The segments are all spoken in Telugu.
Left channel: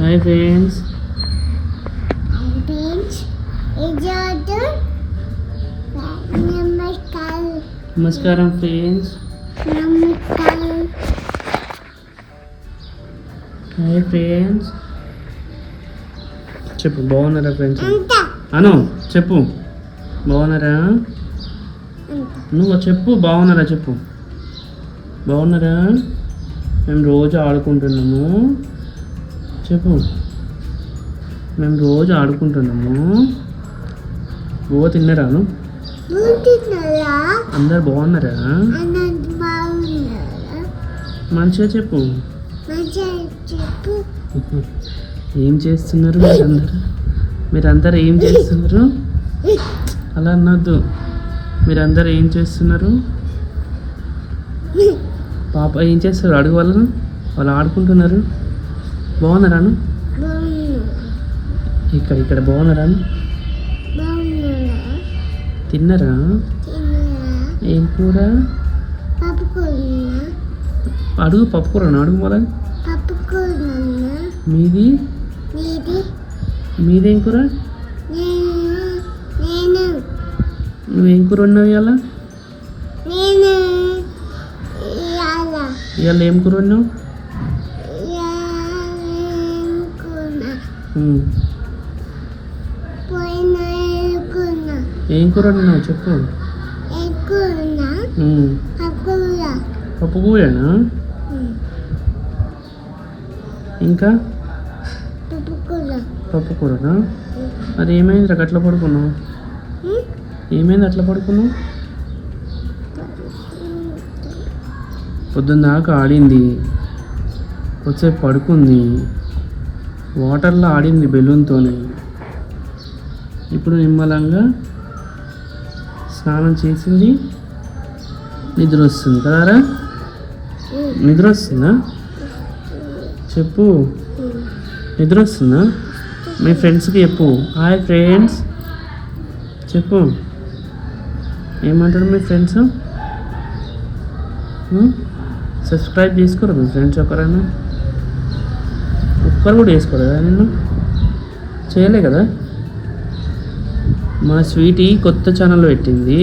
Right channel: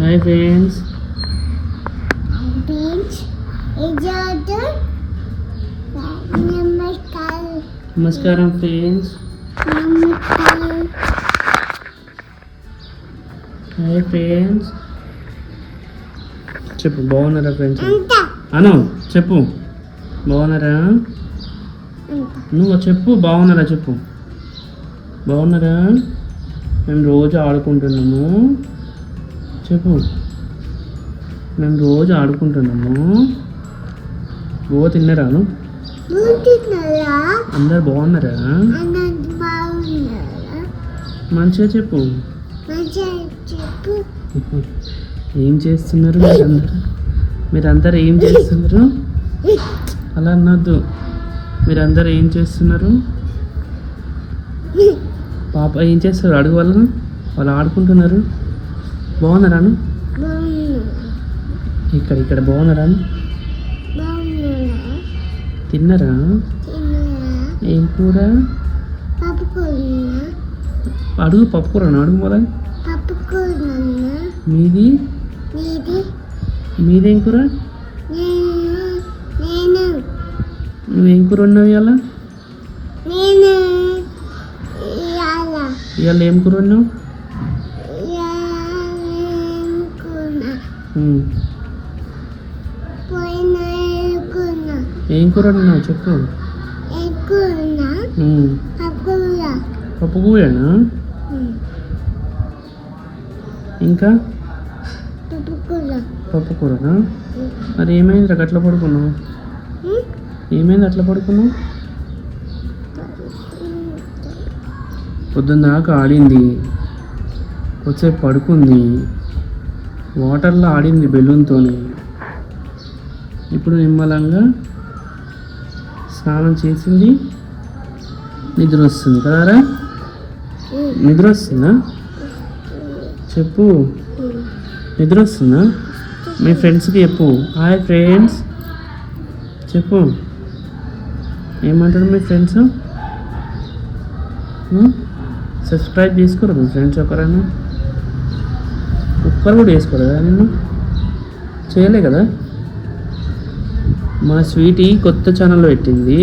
Hi friends. నమస్కారం ఫ్రెండ్స్. Hi friends. చెప్పు, బాగున్నారా ఫ్రెండ్స్? అను చెప్పు, బాగున్నారా? నువ్వు చెప్పు, బాగున్నారా చెప్పు. బాగున్నారా? మేము రోజు ఆడుకుంటున్నాము. చెప్పు, మేము రోజు ఆడుకుంటున్నాము. ఓ తిన్నారాను? అందరు బాగున్నారా? మంచిగా చెప్పు. ఏం చేస్తున్నారు మీరందరూ ఏం చేస్తున్నారు? అలా అన్నద్దు. మీరందరూ ఏం చేస్తున్నారు? పాప ఏం చేస్తారు? అడుగు వాళ్ళను. వాళ్ళు ఆడుకుంటున్నారు. బాగున్నారాను? ఇక్కడ బాగున్నారాను? తిన్నారా? ఏం కూర? అడుగు. పప్పు కూర అడుగు. మొదలు మీది మీదేం కూర? నువ్వేం కూర ఉన్నావు ఇవాళ? ఇవాళ ఏం కూర ఉన్నావు? ఏం కూర ఉన్నా చెప్పు. పప్పు కూరేనా? ఇంకా పప్పు కూరనా? అది ఏమైంది అట్లా పడుకున్నావు? ఏమైంది అట్లా పడుకున్నావు? పొద్దున్న దాకా ఆడింది, వచ్చేపు పడుకుంది, వాటర్లో ఆడింది బెలూన్తో. ఇప్పుడు నిమ్మలంగా స్నానం చేసింది, నిద్ర వస్తుంది కదారా? నిద్ర వస్తుందా? చెప్పు, నిద్ర వస్తుందా? మీ ఫ్రెండ్స్కి చెప్పు. హాయ్ ఫ్రెండ్స్ చెప్పు. ఏమంటారు మీ ఫ్రెండ్స్? సబ్స్క్రైబ్ చేసుకోరు మీ ఫ్రెండ్స్ ఒకరైనా? ఒక్కరు కూడా వేసుకోరు కదా? నిన్ను చేయలే కదా? మా స్వీటీ కొత్త ఛానల్ పెట్టింది.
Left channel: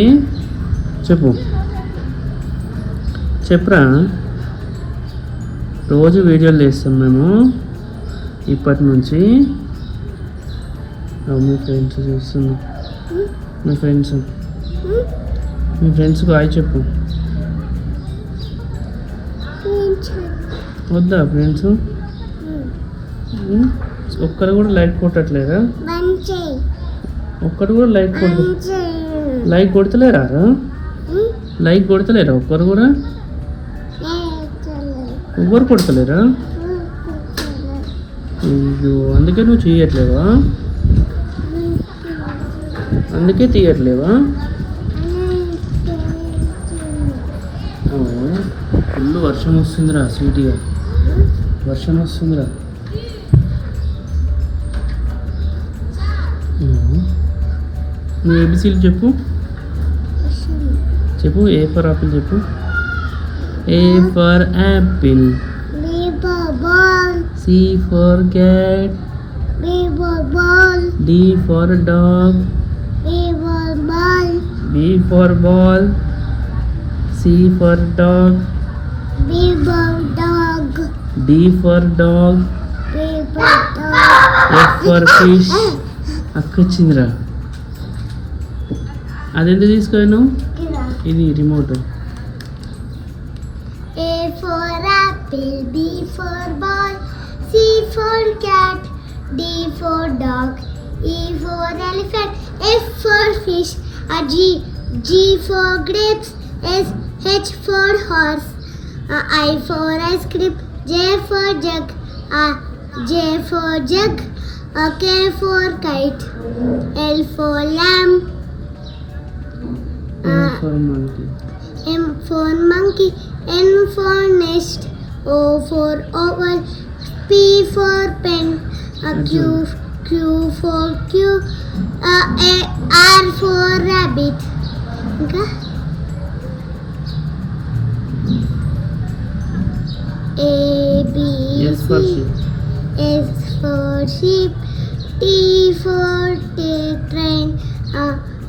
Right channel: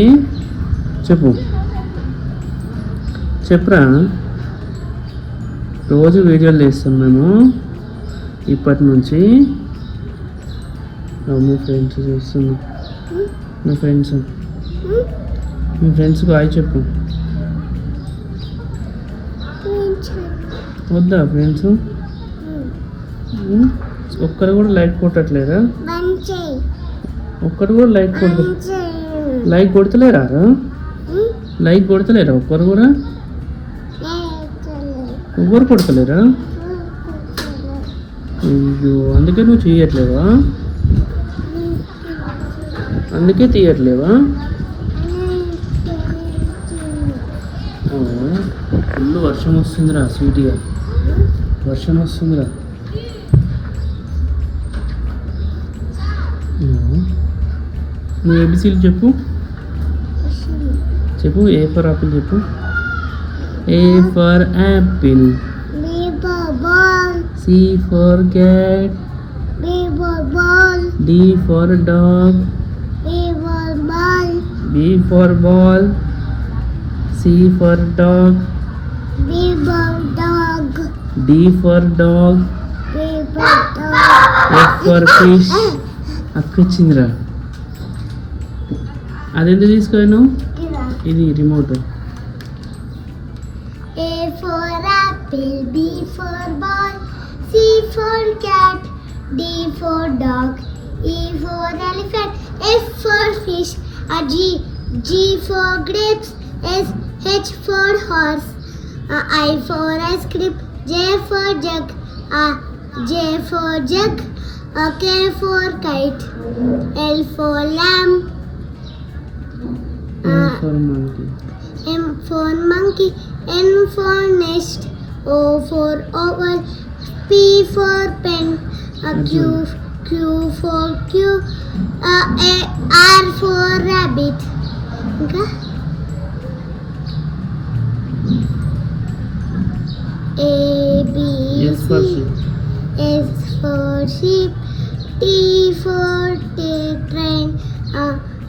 చెప్పు, చెప్పురా. రోజు వీడియోలు చేస్తాం మేము ఇప్పటి నుంచి. మా ఫ్రెండ్స్ చూస్తుంది. మీ ఫ్రెండ్స్కి హాయ్ చెప్పు. వద్దా ఫ్రెండ్స్? ఒక్కరు కూడా లైక్ కొట్టట్లేదా? ఒక్కరు కూడా లైక్ కొడతలేరా? లైక్ కొడతలేరా ఒక్కరు కూడా? ఎవ్వరు కొడతలేరా? అందుకే నువ్వు చేయట్లేవా? అందుకే తీయట్లేవా? ఫుల్ వర్షం వస్తుందిరా స్వీట్గా. వర్షం వస్తుందిరా. నువ్వు ఏబిసీలు చెప్పు. చెప్పు. ఏ ఫర్ ఆపిల్ చెప్పు. A for apple. B for ball. C for cat. D for ball. D for dog. E for ball. B for ball. C for dog. D for dog. D for dog. E for dog. F for fish. అక్కొచ్చిందిరా. అదెంత తీసుకోను? ఇది remote. A for apple, B for ball, C for cat, D for dog, E for elephant, F for fish, G for grapes, H for horse, I for ice cream, J for jug, J for jug, K for kite, L for lamb, M for monkey, N for nest, O for oval, P for pen, Q for R for rabbit. ఇంకా A B C S for sheep, T for train,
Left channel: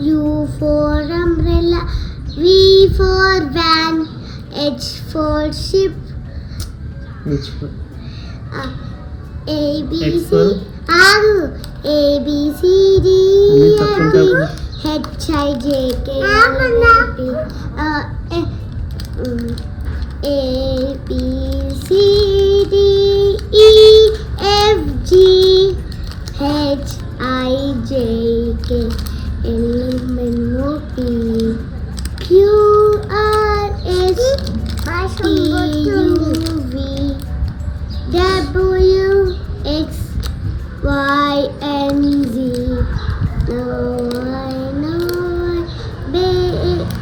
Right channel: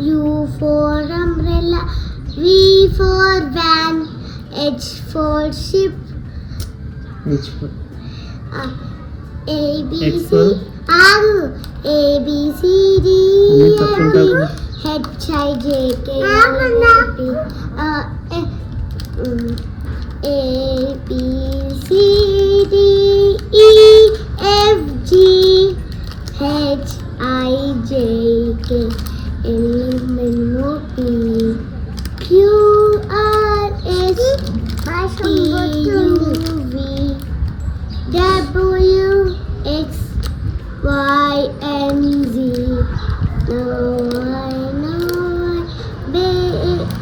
U for umbrella, V for van, H for ship, A B X C for? A B C D Only E first F one. G H I J K L A B C D E F G H I J K L M N O P Q R S T U V W X Y and Z. Now I know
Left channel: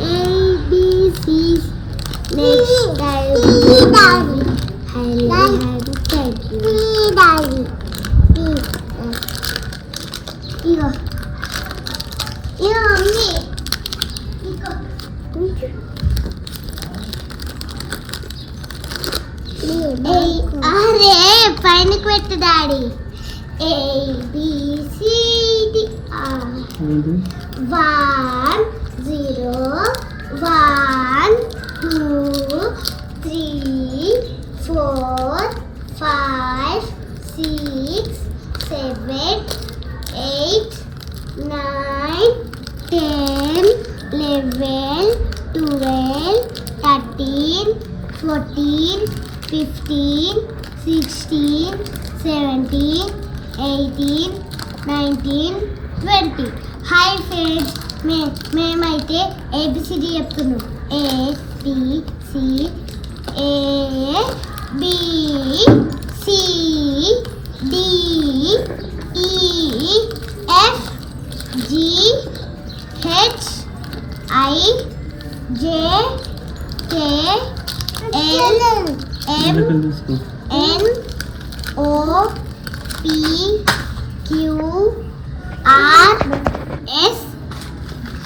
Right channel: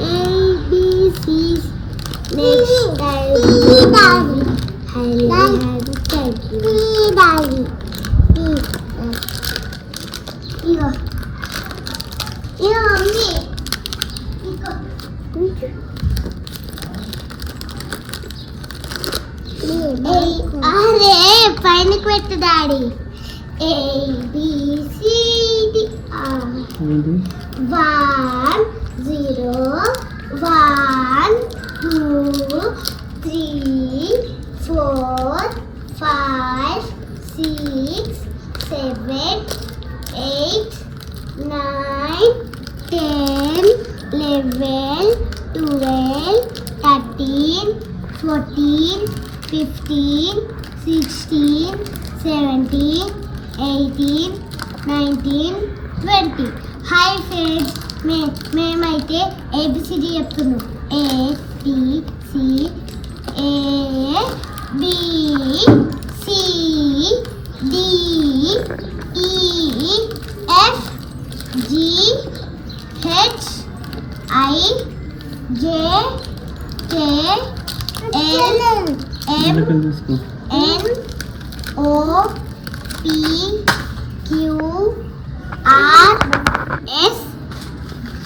A B C's. Next time I'll have to thank you. Daddy. Here. Here, mommy. అరే పైనకి పెట్టు daddy A B C D 1 0 1 2 3 4 5 6 7 8 9 10 11 12 13 14 15 16 17 18 19 20. Hi friends, మేమైతే ఏబిసిడి చెప్తున్నాం. A B C A B C D E F G H I J K L M N O P Q R S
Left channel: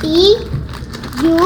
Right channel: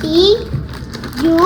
T U